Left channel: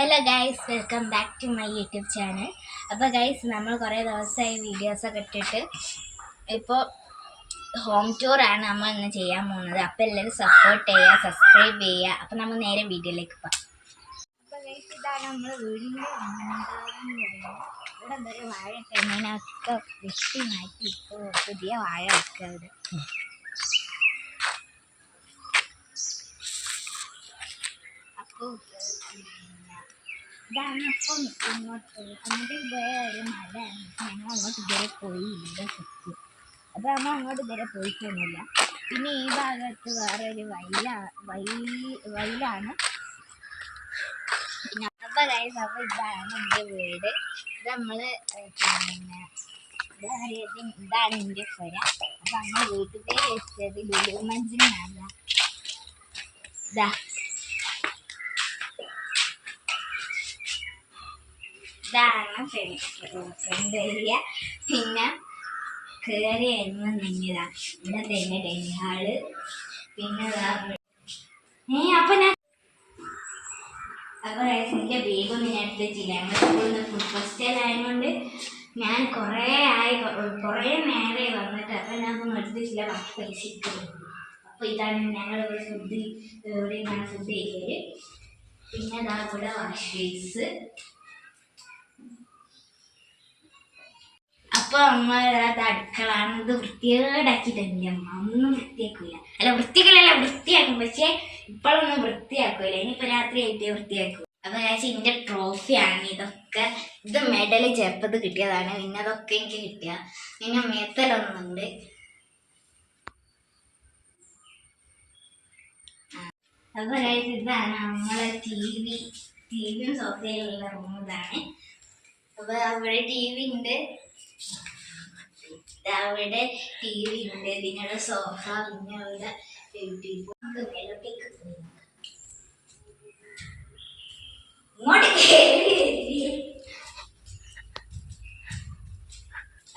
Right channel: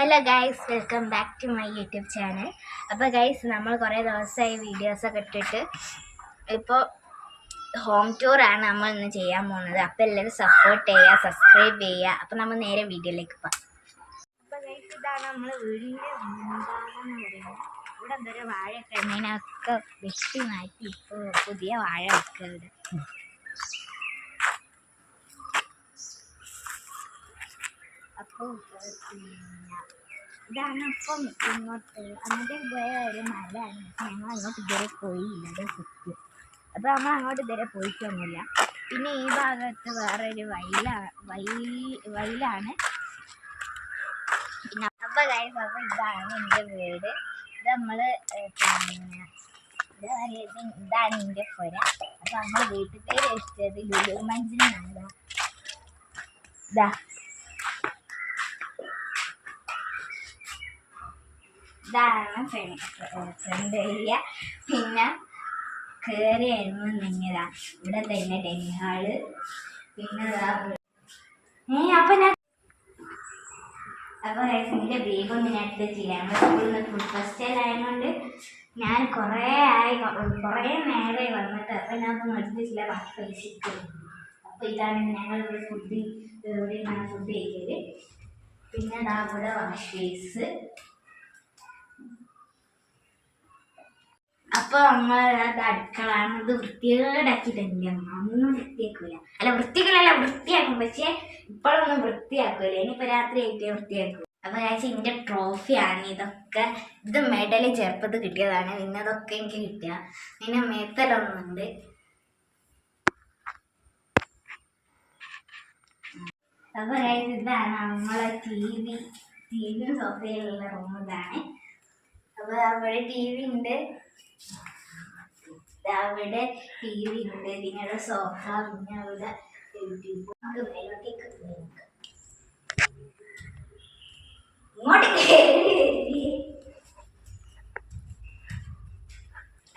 Hello guys, welcome back to my YouTube channel. അപ്പോൾ guys, നമ്മൾ കുറേ ദിവസമായി വീഡിയോസൊക്കെ ഇട്ടിട്ട് ഇപ്പോൾ ഹോം ടൂറാണ് നമ്മൾ ഇന്ന് ചെയ്യാൻ പോകുന്നത്. അപ്പോൾ എല്ലാവരും സപ്പോർട്ട് ചെയ്യുക, സബ്സ്ക്രൈബ് ചെയ്യുക. അപ്പോൾ നമ്മൾ നേരെ വീഡിയോയിലേക്ക് പോകാം. അപ്പോൾ ഗൈസ്, ഇതാണ് നമ്മൾ വീടിൻ്റെ മുൻഭാഗം എന്ന് പറയുന്നത്. ഇവിടെ എന്തൊരു വാഴയൊക്കെ ഇങ്ങനെയൊക്കെ വെട്ടി മാറ്റി ഇപ്പോൾ പുതിയ വാഴ വെക്കുന്നത്. അപ്പോൾ ഇതാണ് അപ്പം ഇങ്ങോട്ട് അങ്ങോട്ട് പോയ ഒരു മലയാണ്. ഞങ്ങൾ അങ്ങോട്ട് ഇതുവരെ പോയില്ല, ഇത് സത്യം. അപ്പോൾ നമ്മൾ അങ്ങോട്ട് ഇതുവരെ പോയിട്ടൊന്നുമില്ല. പിന്നെ ഈ ഭാഗത്ത് വേറൊരു വയലാണ്. പിന്നെ അപ്പോൾ ഗൈസ്, അപ്പോൾ ഇതാണ് എൻ്റെ വീട്. ഇത് നമ്മൾ പിന്നെ ഇതാണ് എൻ്റെ പുര. അപ്പോൾ നമ്മൾ വീട്ടു പേര് വെച്ചത് ലുലു മഞ്ചിൽ നിന്നാണ്. ഇതാണ് ഫ്രണ്ട് ഏരിയ. പിന്നെ കയറി വരുമ്പോഴതാ ഇവിടെ തന്നെ ഡൈനിങ് ഹാള്. പിന്നെ അപ്പോൾ എൻ്റെ ബേഗൊന്നും ഞാൻ എടുത്ത് വെച്ചില്ല. ഞങ്ങൾ സ്കൂളിൽ നിന്ന് ഫുഡ് ഫെസ്റ്റിവലായതുകൊണ്ട് ഞാൻ കുറേ നേരെ വന്നിട്ട് അപ്പോൾ ഞാൻ ഒന്നും എടുത്ത് വെച്ചില്ല. ബാക്കി പൈസ ഇട്ടു. അപ്പോൾ ഇതാണ് ഞങ്ങൾ ഫുഡ് ഇവിടെ നിന്നാണ് ഫുഡ് കഴിക്കല്. പിന്നെ അതാ ഇവിടെ വാഷ് ബേസ്. അപ്പോൾ അമ്മ അത് അടുക്കളാണ്. ഇത് വൃത്തികേടാക്കിയിട്ടില്ല. അമ്മ ഒന്നും വൃത്തിയാക്കൂല. വൃത്തിയാക്കും, പക്ഷേ ഇപ്പോഴൊന്നും വൃത്തിയാക്കൂല. ഇനിയിപ്പോൾ രാത്രി ആയിട്ടേ വൃത്തിയാക്കൂ. അപ്പോൾ എൻ്റെ ട്രോഫിയാണ് ഇതൊക്കെ. ഇത് മെഡൽ ചെറുപ്പത് കിട്ടിയതാണ്. പിന്നെ അതൊക്കെ എനിക്ക് കിട്ടിയ. പിന്നെ മേത്തലൊന്നുണ്ട്. അപ്പോൾ ഇതാണ് നമ്മളെ ടിവിയും സോഫയിലുള്ള റൂം. ഇതാണ്. അപ്പോൾ അവിടെ ടി വി ഉണ്ട്. അവിടെ ടി വി ഉണ്ട്. പിന്നെ അവിടെ സോഫ. പിന്നെ അവിടെ നമുക്ക് മേലോട്ടേക്ക് ഇങ്ങോട്ട് കയറി.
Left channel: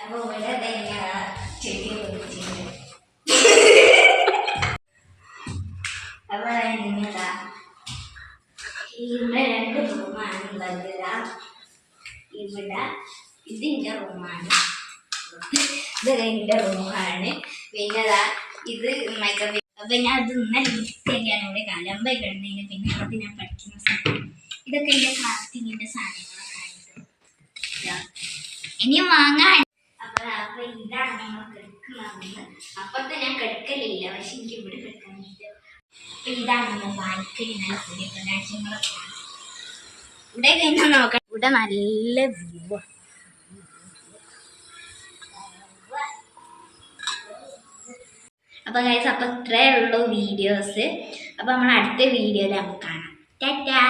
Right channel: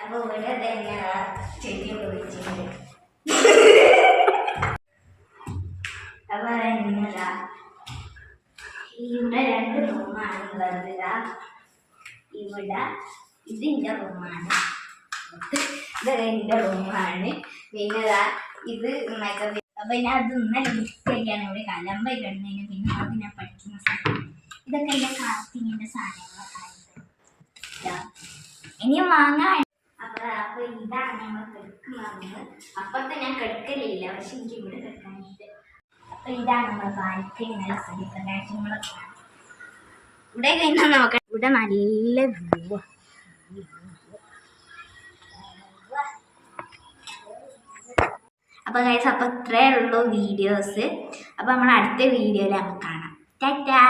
അപ്പൊ ഇവിടെ തന്നെ ചെടി വെച്ചിട്ടുണ്ട്. അപ്പൊ ഇങ്ങനെതാ ഇവിടെ 2 റൂമാണ് ഉള്ളത്. ഇവിടെ ഇതിൻ്റെ റൂമാണ്. ഇത് എൻ്റെ റൂമാണ്. പിന്നെ ഇത് മേക്കപ്പ്. അപ്പം ഞാൻ അത് ഇന്നലെ ലിസ്റ്റൊക്കെയാണ് ഇവിടെ കലമ്പായി കിടന്നതിന്. പിന്നെ അത് ഞാൻ പഠിക്കുന്ന സാധനം. ഇതൊക്കെ എൻ്റെ ക്രാഫ്റ്റിങ്ങിൻ്റെ സാധനങ്ങളൊക്കെ ആയിട്ട് ഇനിയും വാങ്ങാൻ. അപ്പം ഇതാണ് ഞങ്ങൾ കിടക്കുന്ന റൂമ്. അപ്പത്തെ ഞാൻ കിടക്കലില്ല, പക്ഷെ എനിക്ക് ഇവിടെ കിടക്കാനില്ല. അപ്പം ഇതാണ് നമ്മൾ ബാൽക്കണി. നല്ല പുതിയ പ്രദേശങ്ങളൊക്കെ ഇവിടെ കഴിഞ്ഞാൽ നോക്കാം. ഇവിടെ നല്ല വ്യൂ. അപ്പോൾ ഗൈസ്, അപ്പോൾ ഇത്രയേ ഉള്ളൂ വീഡിയോസ്. അപ്പോൾ നമ്മൾ അടുത്ത വീഡിയോയിൽ നമുക്ക് കാണാം. ടാറ്റാ.